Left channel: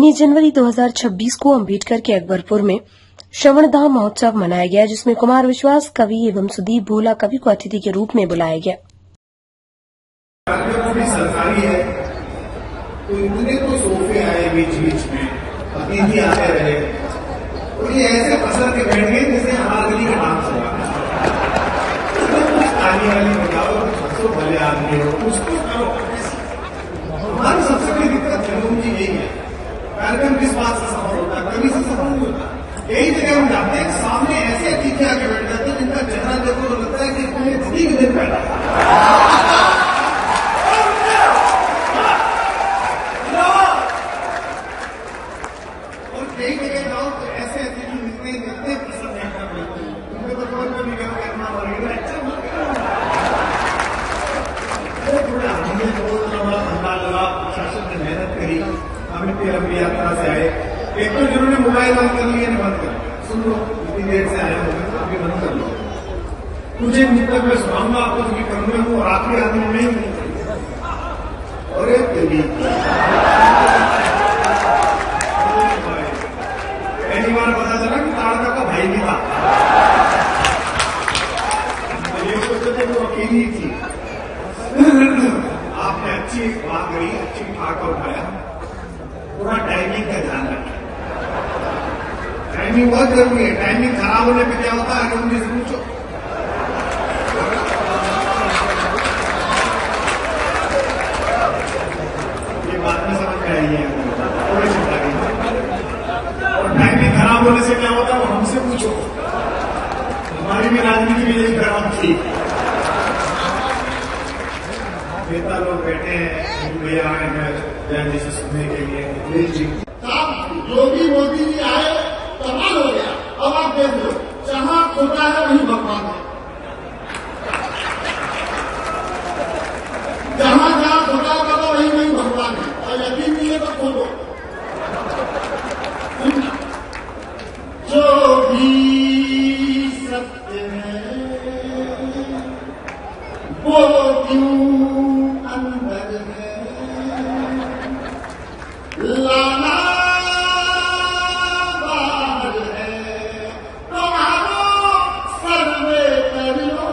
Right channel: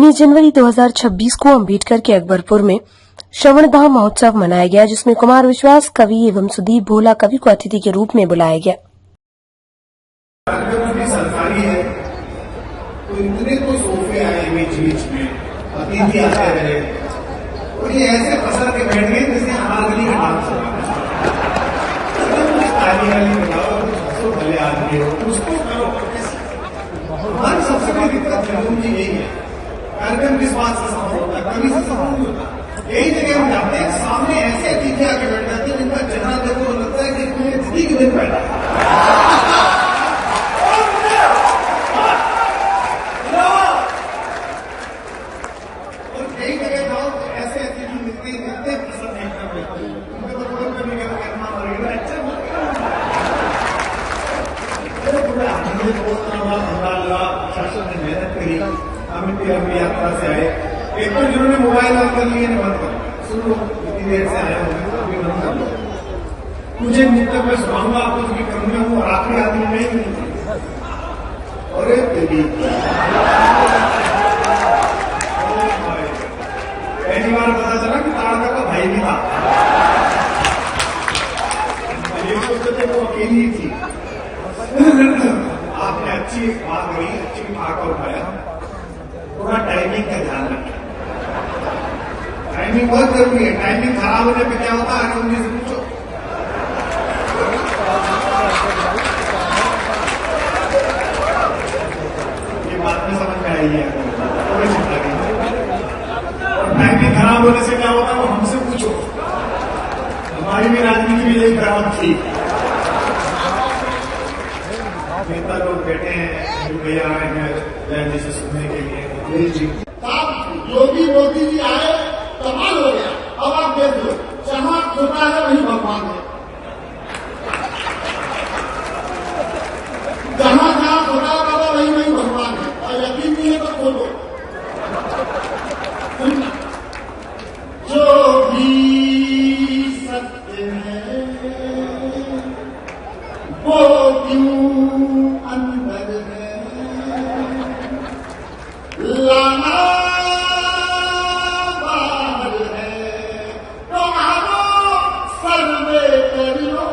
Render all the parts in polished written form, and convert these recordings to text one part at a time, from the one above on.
19 जनवरी 2026 को अम्बेडकर के अकबरपुर में श्रवणधाम महोत्सव मनाया गया, जिसमें कुमार विश्वास कवि एवं सुदीप भोला कवि को अतिथि के रूप में बुलाया गया। सरकारी है तो इतने तो सोफे आए बीच बीच में, अतिथि आते रहे और ये ऐसे पसर के बैठ गए जैसे हमारा गली का डांस हो रहा है। कुछ ताली वाली बजाओ, कुछ हंसो, भले आदमी हो, उसको करो। हमारी सबसे बड़ी दिक्कत जरूर जी यही है, कार्यक्रम किस बात से सफल होता है, कभी से सफल नहीं होता। यही जगह हम जाते हैं, सामने ऐसे अतिथि आके बैठ जाते हैं जिनका चेहरा देखो तो लगता है कि कोई अतिथि के दिन बैठा। और कई जगह जाओ तो ऐसे अतिथि मिलते हैं जितने प्रसन्न एकदम मिलते हैं, उनके तो फोन करने के कहना मरेगा, अच्छा थोड़े हमने बहुत लंबा धंधा लगा, शासन ने मेहनत करी, हम इतनी लंबी यात्रा से आए। एक तो जिन्होंने मोबाइल ऑन कर लिए बंद कर, सुन लो इतनी देर से आए होंगे तो अभी बंद कर लो। मुझे मुद्दत में सुनाऊंगा आपको जो क्रम में हूँ, और आखिरी आदमी में ही हूँ। अरे तेरी पहली बार पता चला कि ताड़का का भाई भी था। ये सोचते थे वो अकेली थी। आपने अच्छी बात करी, अच्छी ठाक उठाया। पूरा टाइमिंग का ध्यान रखें, टाइमिंग बहुत जरूरी है। टाइमिंग खराब होने पे क्या होता है, अरुण जी से पूछो। ये बात में समझ में आई है, थोड़ी चिंता की। और टाइमिंग खराब होने से क्या होता है वो हमसे पूछो। हमारी भी राजनीति भी यही खराब थी। नेता लोग बैठे हैं, भैया आए हैं जय जी से सुनने के लिए। जी योगी मोदी जी आए, कमाल हो गया। अब आप देख लो, जहां खुदा है वहीं भगवान है। जहां जहां खुदा होगा वहीं वहीं भगवान है। और यकीन नहीं है तो खोलो, जो भी सत्य है वो क्यों अंदर है, लाना बाहर है, तुम्हारो सर्वे कर लो,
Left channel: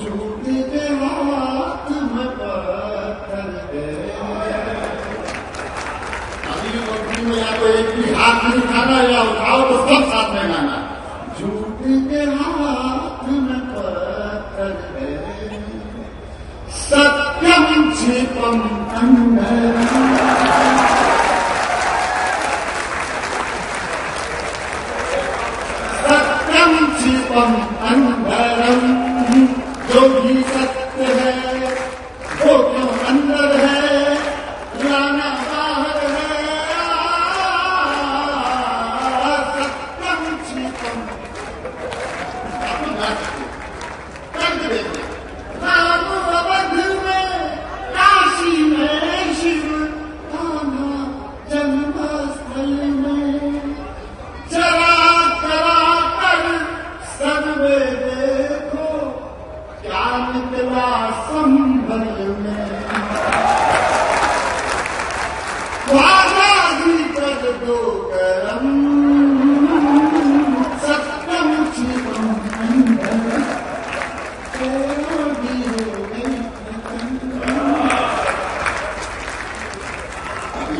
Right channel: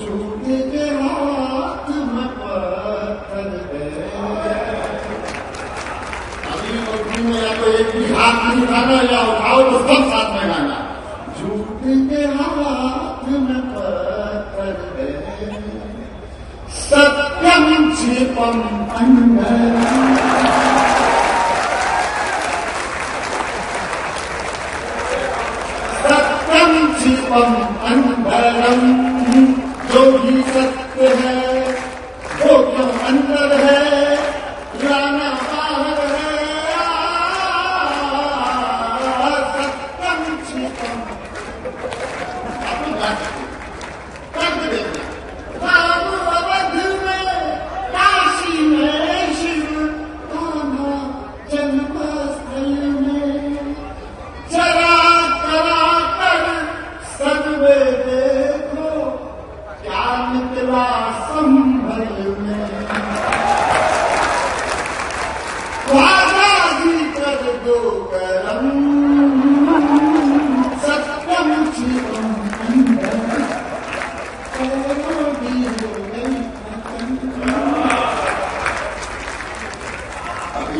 झूठ के हाथ में पत्थर है। अभी वक्त में या तो एक भी हाथ नहीं उठाना या उठाओ तो सब साथ में गाना। झूठ के हाथ में पत्थर है, सत्यम क्षिपम अंदर, सत्यम क्षिपम अंदरम। जो भी सत्य है वो क्यों अंदर है, लाना बाहर है। सत्यम क्षिपम कर देना। राम अवध में, काशी में शिव कान्हा जन्मस्थल में, जरा करा कर सर्वे देखो, क्या निकला संभल में। वादा भी कर दो करम, सत्यम शिवम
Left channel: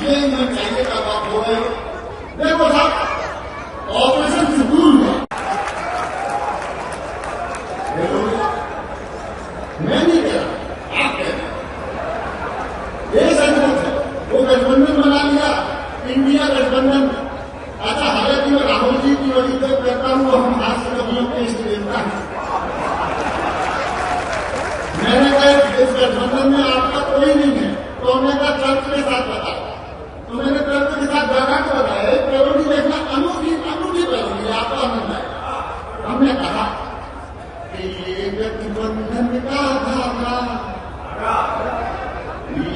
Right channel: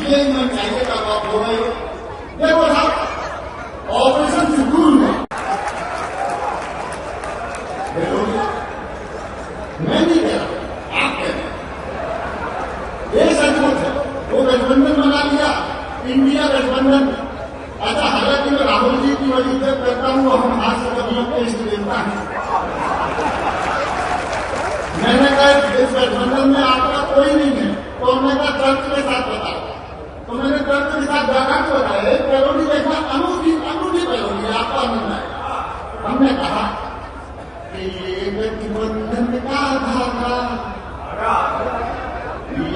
ये मैं चाहिए का बात हो रही हो। देखो साहब, ऑपरेशन शुरू हुआ, मैं नहीं कह रहा, आप कह रहे। देश अद्भुत है, वो गठबंधन बना लिया, इंडिया गठबंधन। अच्छा, हालांकि मैं राहुल जी की वजह से कहता हूँ, हम हाथ से कभी के इष्ट देवता है। मैंने कहा इस गठबंधन में आपका कोई नहीं है, तो उन्होंने कहा तर्क के साथ बताओ। तो मैंने तर्क के साथ बैठा के बताया, पैरोडी देखना, अनूठी अनूठी पैरोडी, आपका आनंद है। हमने कहा कि ये गठबंधन का धागा,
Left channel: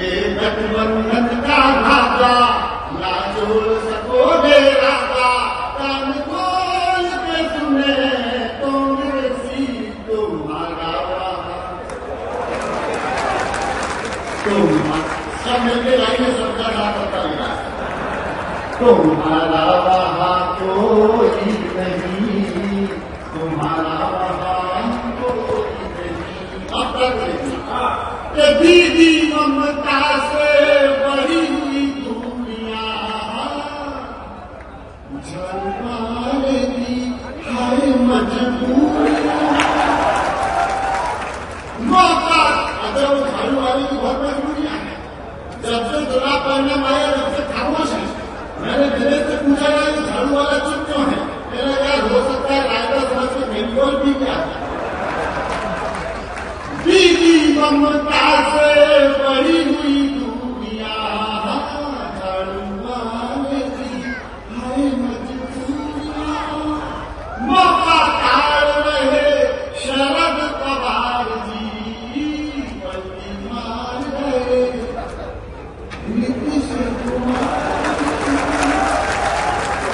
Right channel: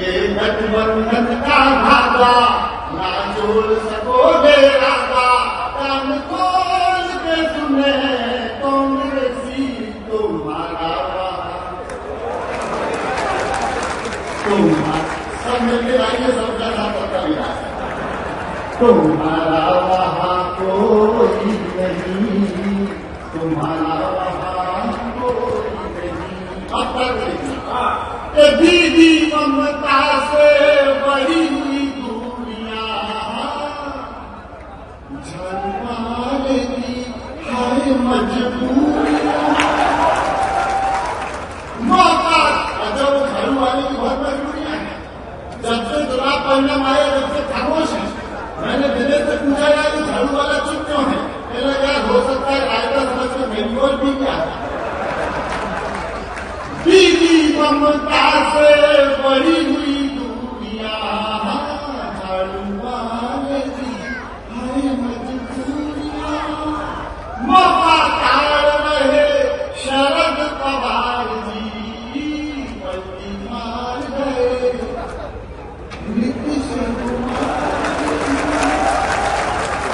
ये गठबंधन का धागा, ना जोड़ सकोगे राजा, कान खोल के सुने कांग्रेसी तुम्हारा। तो सब मिलकर आइए, सबका रास्ता मिला। तुम्हारा वहाँ कोई नहीं, तुम्हारा वहाँ कोई नहीं। अब तक कि दीदी ममता से बड़ी हुई दूरियां झाड़ू मारेगी हाय मजबूरी। मौका अगर वो झाड़ू वाले की बहुत मजबूरियां हैं। जब से चुनाव परिणाम आया जब से खामोश है। मैंने दिनेश से पूछा यार ये झाड़ू वाला चुप क्यों है? मैंने यार हो सकता है रायता समझ के मेरी ओर भी क्या है। दीदी ममता से बड़ी हुई दूरियां झाड़ू वालेगी हाय मजबूरियां। मौका ताड़ रहे शरद पवार जी, बल्कि मार गए नीतीश कुमार।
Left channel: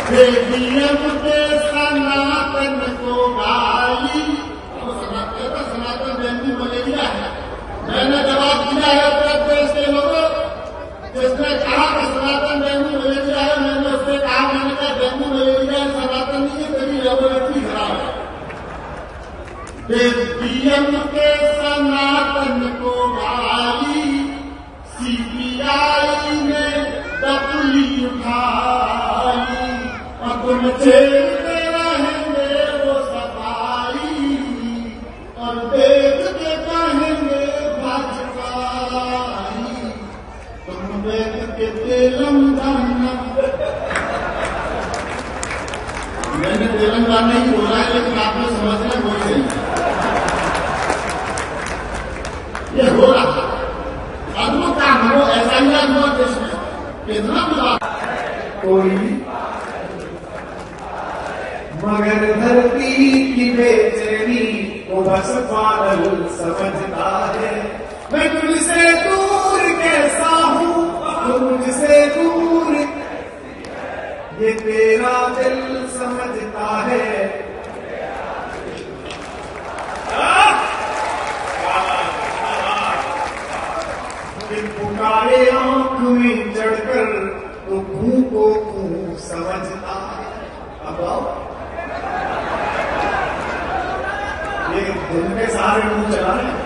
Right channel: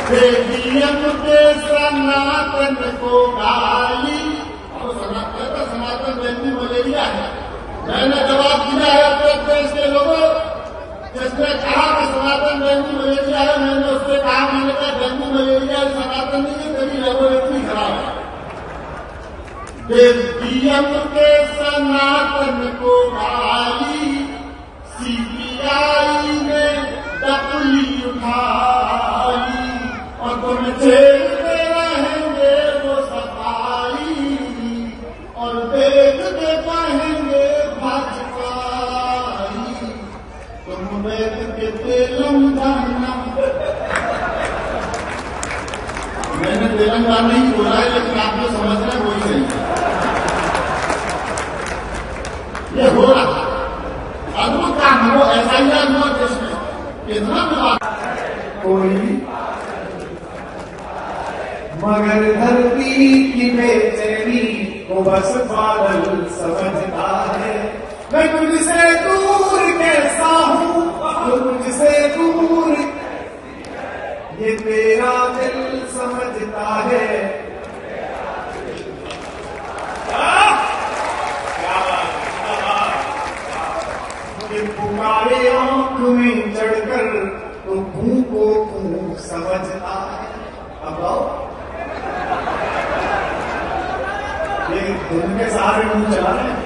बेटियम के सनातन को गाली, सनातन जयंती मलेरिया है। मैंने जवाब दिया है उत्तर प्रदेश के लोगों, जिसने कहा कि सनातन जयंती मलेरिया है, मैंने उससे कहा मैंने कहा जयंती मलेरिया सनातन नहीं है, तेरी लेबोरेटरी खराब है। बेटियम के सनातन को गाली, सीपीआई ने डपली उठाई और तुम झेलते रहेंगे वो सफाई और देखते कहेंगे भाजपाई। तुम वेद के तेलंगाना, मैंने तेलंगाना ही बोला है लेकिन आपको समझना कोई नहीं है। ये हो रहा अद्भुत काम वो ऐसा ही हुआ देश में कितना विवाद। कोई मगर धरती की बेचैनी वो बस बादल समझता है। मैं तुझसे दूर कैसा हूँ, तो मुझसे दूर ये तेरा दिल समझता है। पुकारे आंख में चढ़कर तो खूं को खूं समझता है। अब आओ ये धुन के सहारे मुंह चला रहे हैं।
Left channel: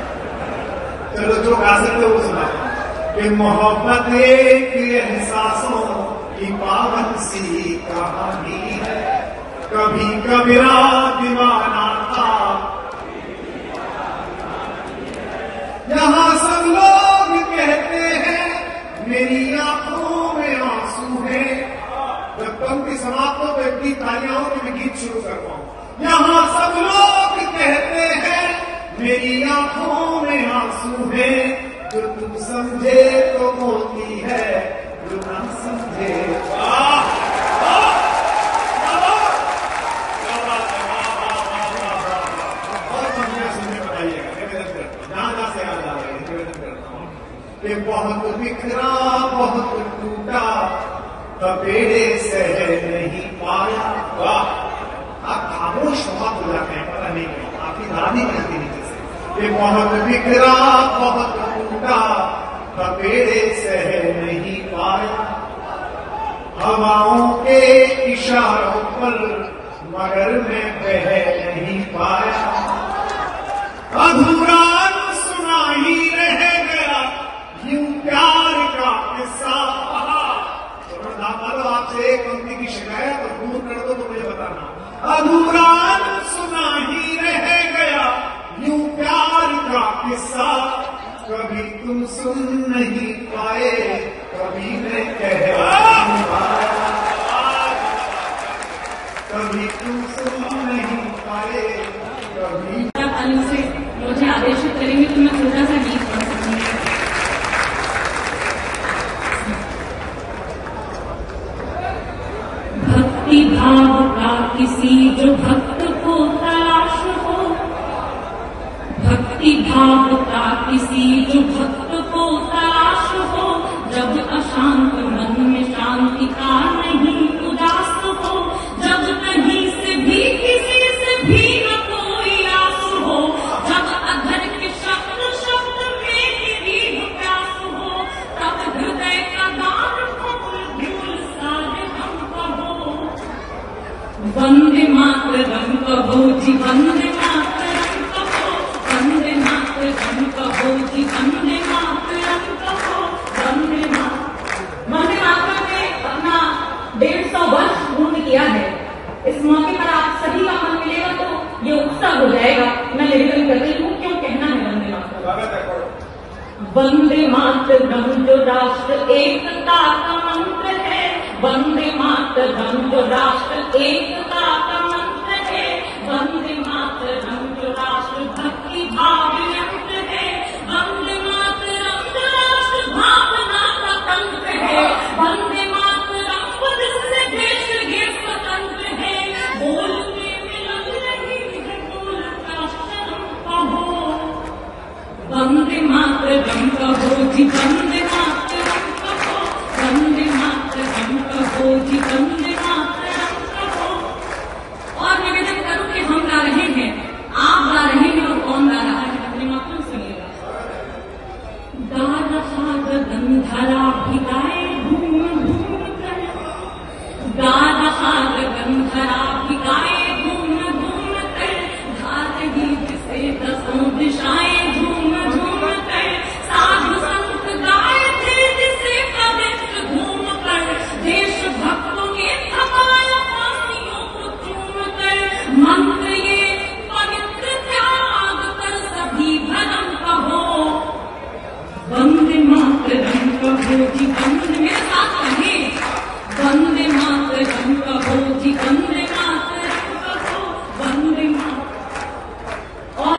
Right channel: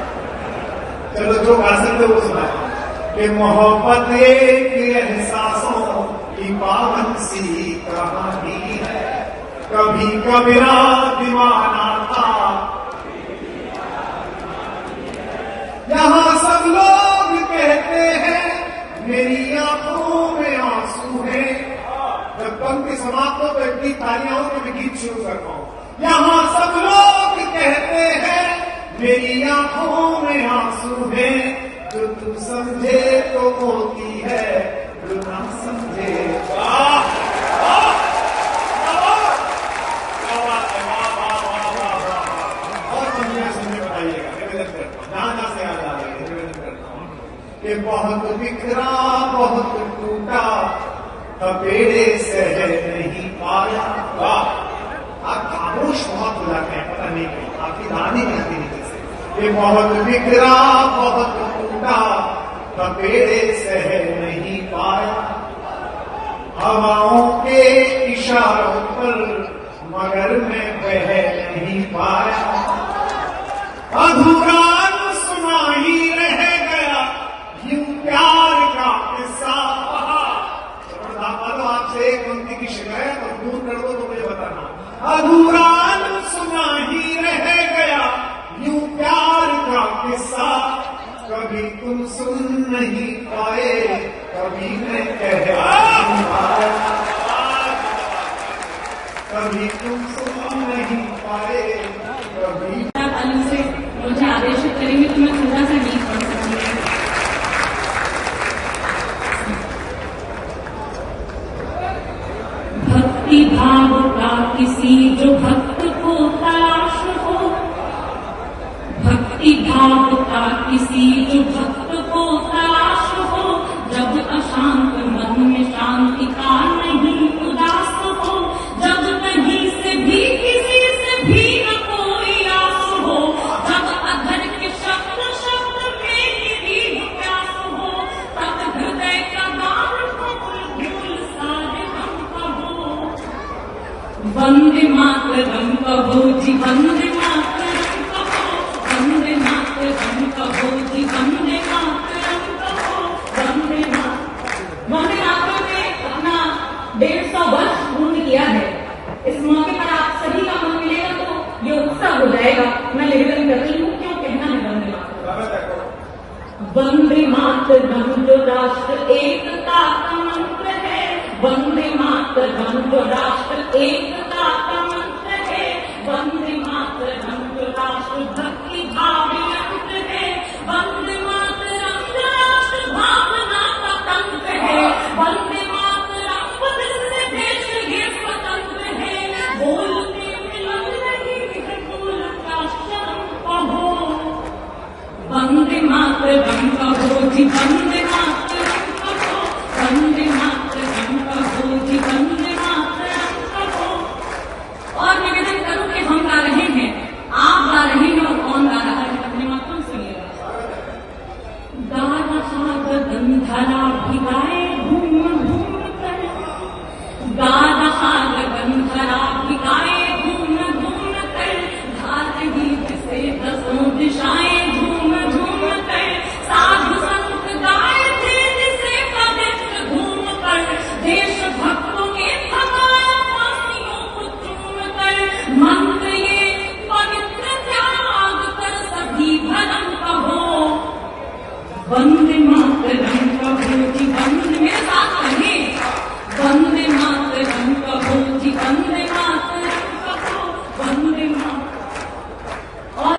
चलो जो गा सकते वो सुनाता हूं कि मोहब्बत एक एहसासों की पावन सी कहानी है। कभी कबीरा दीवाना था, यहाँ सब लोग कहते हैं मेरी आंखों में आंसू है। जब पंक्ति समाप्त हो तो इतनी तालियां हो तो मैं गीत शुरू कर पाऊं। यहाँ सब लोग कहते हैं मेरी आंखों में आंसू है। जो तू समझे तो होती है, जो ना समझे और पंक्तियां सुनने बताइएगा। निवेदन करता हूं, ना से याद आ रहा है, निवेदन करता हूं कि बहुत बिखरा बहुत टूटा बेड़े सह नहीं पाया। आप खामोश बहुत बुलाते हैं, पता नहीं क्यों आपकी नानी कहती नीचे से ये बहुत बिखरा बहुत टूटा बेड़े सह नहीं पाया। हवाओं के इशारों पर मगर मैं बह नहीं पाया। अधूरा सुना ही रह गया यूं प्यार का किस्सा। मानो आपसे एक पंक्ति की शिकायत और दूर कर दो तो मुझे बताना। अधूरा सुना ही रह गया यूं प्यार का किस्सा। कभी तुम सुन नहीं पाए, कभी मैं कह नहीं पाया। कभी तुम सुन नहीं पाए, कभी से मुझे आदेशित करेंगे तो मैं थोड़ा सा गीत पढ़ सकूंगी। भक्ति भाव का किसी जो भक्त को तलाश हो, भक्ति भाव का किसी जो भक्त को तलाश हो। जब अशांत मन में शांति का नहीं उदास हो, जब कहीं से भी किसी से भी न कोई आस हो, जब अधर के शब्द शब्द में निरीह प्यास हो, तब हृदय का दान फूल भूल सारे हम वंदे मातरम कहो जी, वंदे मातरम कहो, वंदे मातरम कहो जी, वंदे मातरम कहो, वंदे मातरम। वंदे मातरम ने अपना 150 वर्ष पूर्ण किया है। इस मौके पर आप सभी का मन मिलेगा तो ये उत्सव हो जाएगा। मैं लेकर बैठी हूँ, क्यों कहना है वंदे मातरम। वंदे मातरम जो राष्ट्र एकता का मंत्र है, वंदे मातरम जो राष्ट्र एकता का मंत्र है, वंदे मातरम जो राष्ट्र भक्ति भाव यंत्र है, वंदे मातरम जो राष्ट्र भावना का तंत्र है, वंदे मातरम जिससे देश ये स्वतंत्र है, बोलते मिलन रही है बोल का शर्म कहो, वंदे मातरम कहो जी, वंदे मातरम कहो, वंदे मातरम कहो जी, वंदे मातरम कहो। और निवेदन करूं कि हम गा रहे हैं, आप गा रहे हैं, और कौन गा रहा है अपने मातरम सुनिएगा। गा रहा गगन धरा भिगाए घूम घूम कर, गा रहा गगन धरा भिगाए घूम घूम कर, गा रही जिसे दसों दिशाएं झूम झूम कर, साधु संत गाए थे जिसे पवित्र घूम कर, देश भक्तों ने थकाया फांसियों को चूम कर, मंत्र ये पवित्र त्याग कर सभी धर्म कहो, वंदे मातरम कहो जी, वंदे मेरे साथ कहें, वंदे मातरम कहो